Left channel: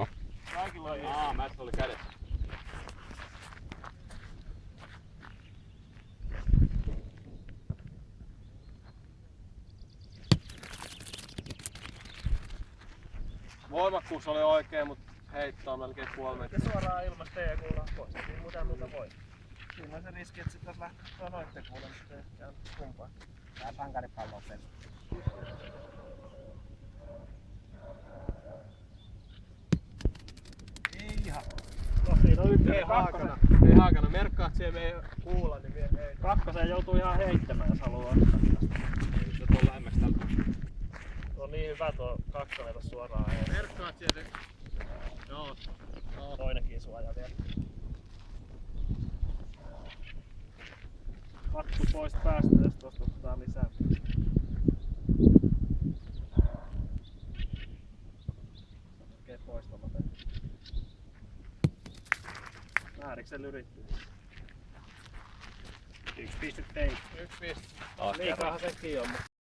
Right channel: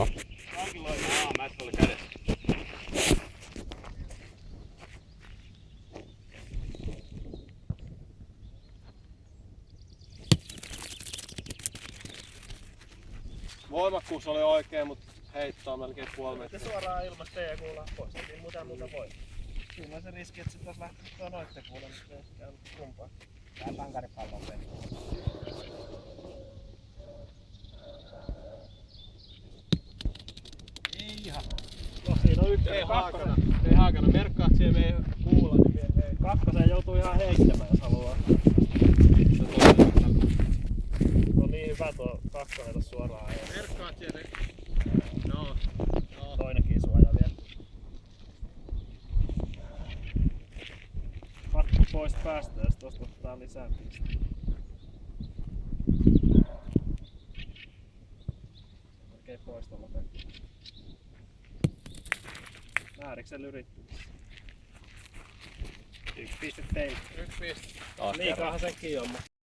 Joo. Kaikilla on Mässä oli kädessä. Voimakkuus oli oikein, mutta heittoa melkein puoli metriä. Suoraan ilmasta ja kuulla pois. Ei muuta voi. Siinä on se riski, että sit jos lähtee tuo noitten kuulle, niin se ei käynyt kumpaan. Tää pankaripallo on pelaa. Ei ihan. No siinä on ykkönen, kakkonen. Ei haakana. Merkkaat siihen meidän kuulla, niin vie hei. Kakkosen joutuu ihan heittämään, jos haluaa. No niin hyvä tuo kakkonen tuossa suoraan. Merkkaat siihen. Joo. Joo. Toinenkin suoja vielä. Pakko pois päästä, jos tuosta ottaa lisää. Melkein pois tuolla peli. Vääriksen yritti. Yksi piste teille. Yksi piste. Liikaahan sekin on, mutta